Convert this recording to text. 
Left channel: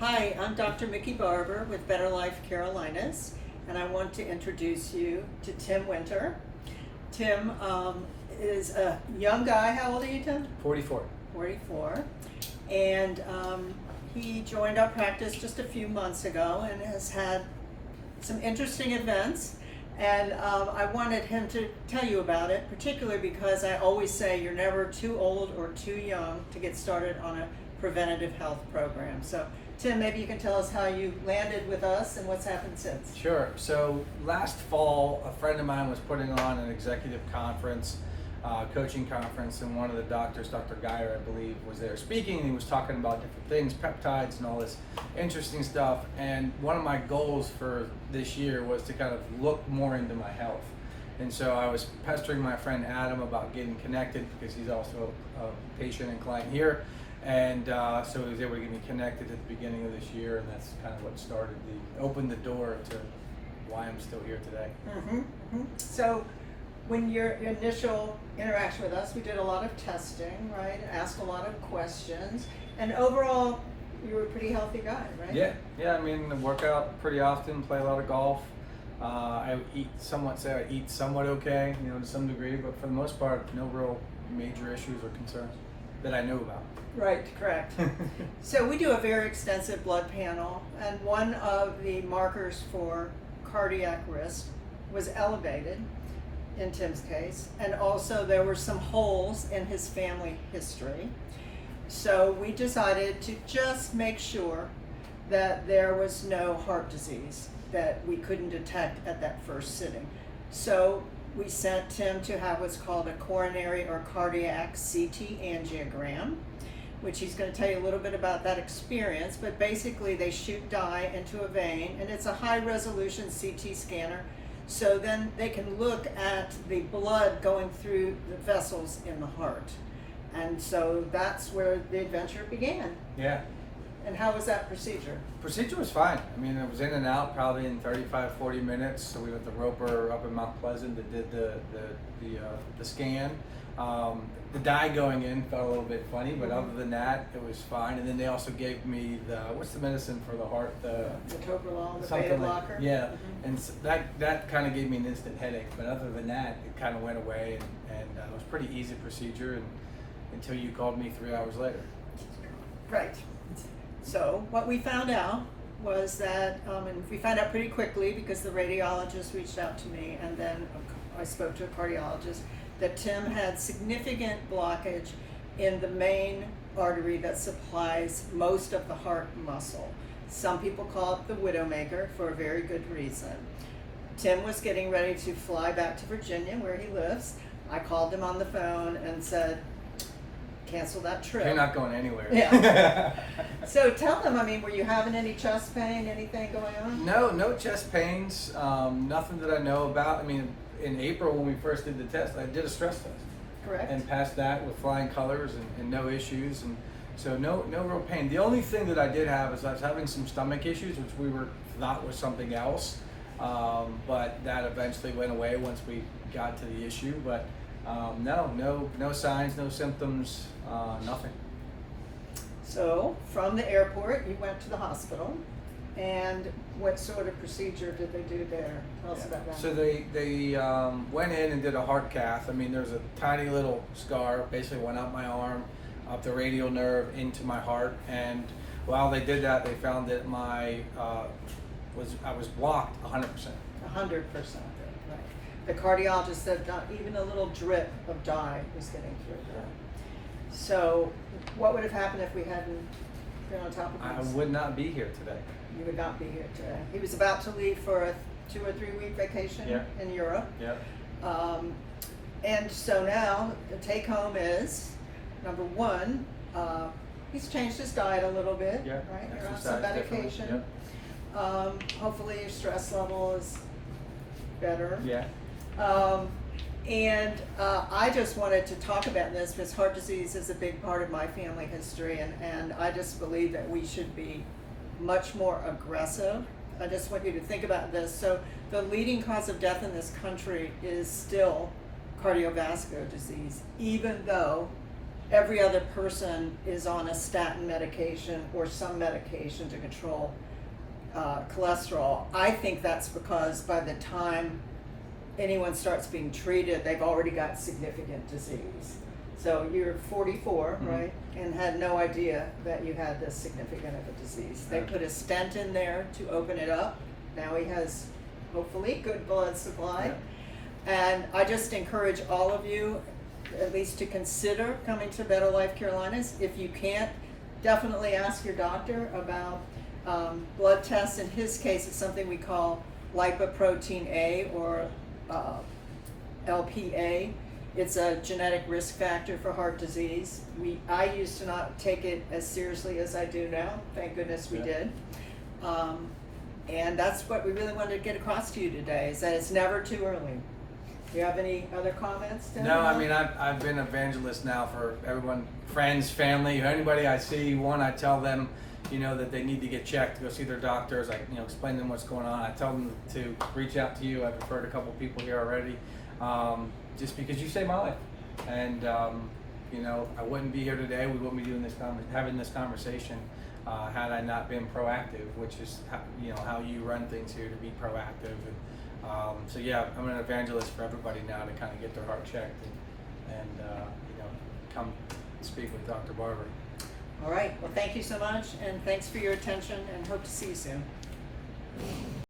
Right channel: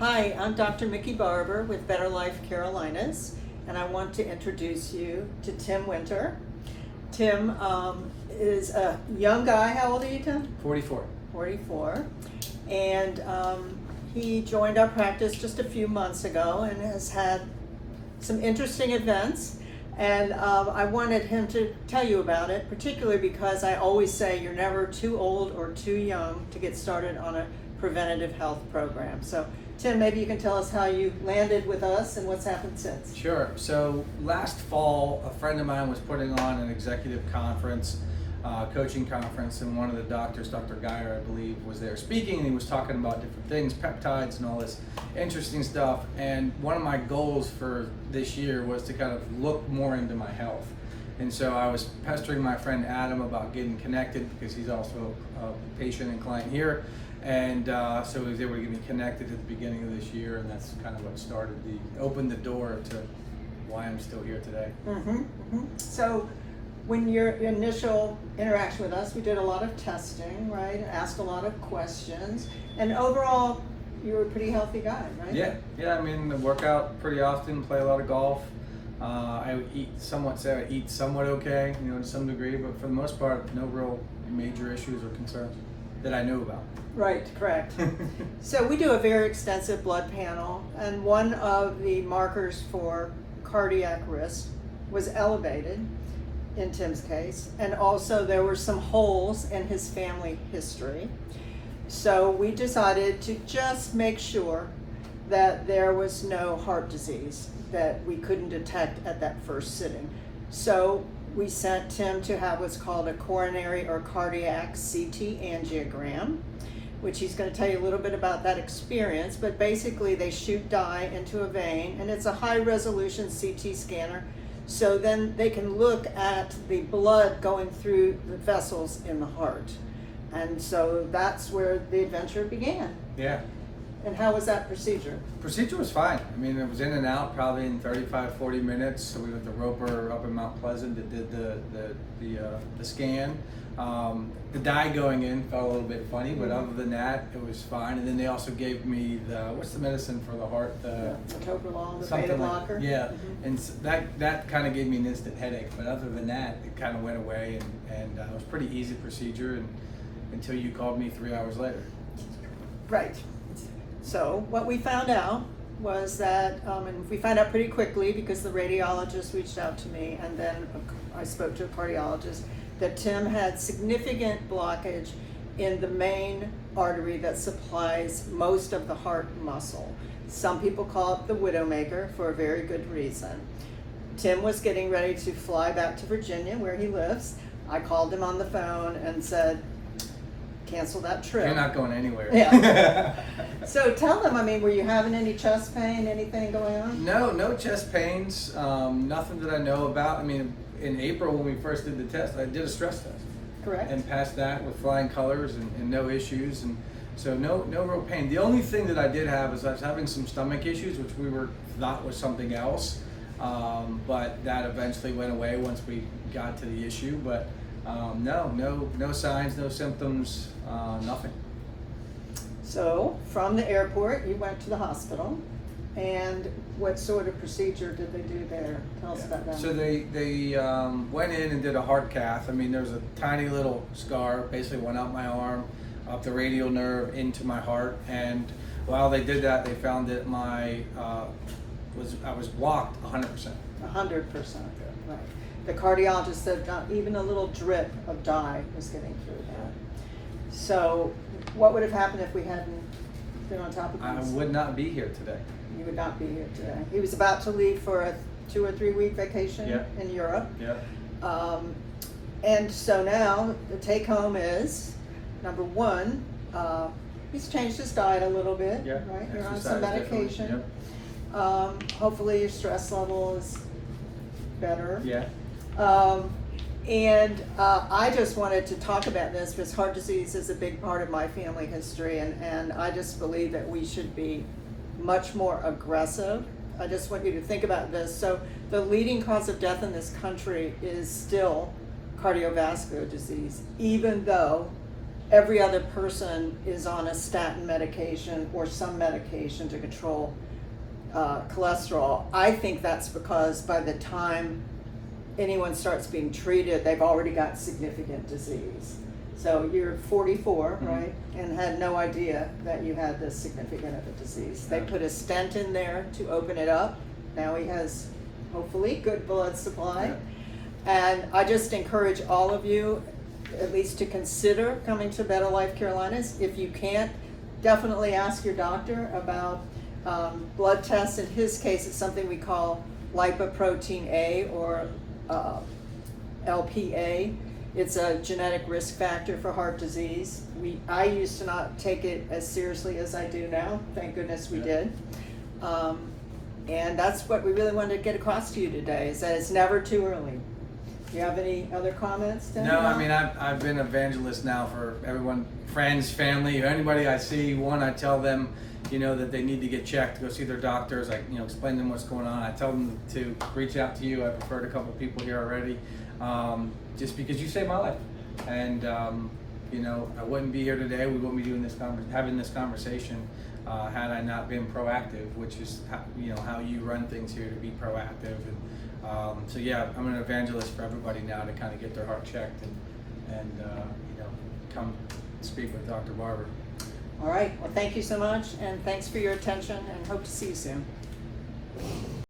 Hi, I'm Dr. Mickey Barber with Better Life Carolinas, and I want to introduce you to Tim Winter. Tim is a young guy. How old are you, Tim? 44. 44. And he joined our practice just a few months ago and has had some interesting events. And I wanted him to tell you about it, particularly because I always say you're never too old or too young to get started on a preventative health program. So, Tim, maybe you can tell us how you landed with us and what's happened since. Sure. So last fall, a friend of mine was putting on an executive conference, coaching conference, and one of the doctors, Dr. Geyer, I believe, was there speaking, and he was talking about different things, peptides and all this interesting stuff. And one of my goals for this year was to kind of look more into my health. And so I was pestering my friend Adam about getting connected because he's also a patient and client here. And so he was able to get me connected at the beginning of this year, and that's kind of what opened the door to why I'm still here today. So when your initial interaction with us, we did a lot of testing, right? Asked a lot of questions, and overall, you were a pretty healthy guy, right? Yeah. I mean, I work out pretty often, play a lot of golf. I eat somewhat okay, to some degree, but for the most part, no real major issues or concerns that I knew about. Right, correct. So we do a very extensive blood panel, and one of the markers for cardiac risk was elevated in Tim's case, and also there were some holes in his family history. So we decided to just make sure that there was no heart disease that we couldn't detect at that first sitting. So we sent Tim to have what's called a coronary or cardiac CT angiogram, which he's going to tell you a little bit about that experience. But basically they shoot dye into a vein, and it's a high resolution CT scanner, so then they can look at the blood going through the vessels in the heart. And so that's where the adventure began. Yeah. And how was that procedure? Procedure was fine. I mean, it was in and out probably in 35-40 minutes. So we went to Roper up in Mount Pleasant that did the scan. The dye going in felt a little bit funny, but other than that, it was fine. And then they also gave me what's the medicine for the heart? The metoprolol, the something beta like, blocker. yeah. And that kind of gave me an instant headache. But other than that, it kind of went away, and it was a pretty easy procedure until you called me 3 hours later. Right. So what we found out was that, and we found out pretty quickly because the radiologist reached out to me, and then I spoke to a cardiologist, that Tim had significant blockage in the main artery that supplies most of the heart muscle. Some people call it the widowmaker for a very good reason. Tim was getting ready to fly back to Virginia, where he lives. I called him on the phone and said, cancel that trip. You're not going anywhere. Yeah. So tell them, were you having any chest pain, anything going on? No chest pains, nothing that I know about. I mean, in April when we first did the test, I did a stress test. Correct. And passed that with flying colors and no issues, and so no real pain. The only thing that I did have is I was having some stomach issues, which we thought was something else, but that eventually went away once we got to the issue. But no signs, no symptoms, nothing. So from the airport, you went to the hospital, and what sort of procedure did they do there? Tell us about that. So they went in and did a heart cath. I mean, there's a tiny little scar, basically went up my arm, up the radial nerve into my heart, and while they did that, they found that I was blocked 100%. 100%, right. The cardiologist said not even a little drip of dye was getting through there. So what would have happened if we hadn't been on top of this? I would not be here today. You would not be here today. He was about to leave for a 2 or 3 week vacation in Europe. Yeah. And so now the take home is, number one, he's changed his diet a little bit, Yeah. right? You're on Exercise, some medication. Yep. Hopefully your stress level is better. Yeah. And I just wanted to talk about this because heart disease is a big part of my family history, and I just believe that we should be much more aggressive. I just want you to think about this. So the leading cause of death in this country is still cardiovascular disease, even though every other person is on a statin medication or some medication to control cholesterol. I think that's because by the time anyone starts being treated, they've already got significant disease. So you're 44, right? And had no idea that you had this significant of a disease. They put a stent in there to open it up. Now he has, hopefully, good blood supply. Yeah. And I just encourage all of you at least to consider coming to Better Life Carolinas. If you can't, definitely ask your doctor about blood tests. In his case, it's something we call lipoprotein A or LPA. It's a genetic risk factor for heart disease. I used to not take it as seriously as I do now. Thank goodness we did. And that's what we really wanted to get across to you today, is that it's never too early. Do you have any other comments, Dan? No, I mean, I've been evangelist now for everyone, friends, family, anybody I see. One, I tell them, that they need to get checked, go see their doctors. I, explain to them what's going on. I tell them to reach out to you. I've referred a couple people here already, just because you saved my life. And, I wouldn't be here today. We wouldn't be doing having this conversation had I not been proactive, which is, how you run things here, to be proactive. And, so yeah, I'm an evangelist for everybody now to kind of get their heart checked and come speak with Dr. Barber. All right. Well, thank you so much, and thanks for your attention, and hope to see you soon.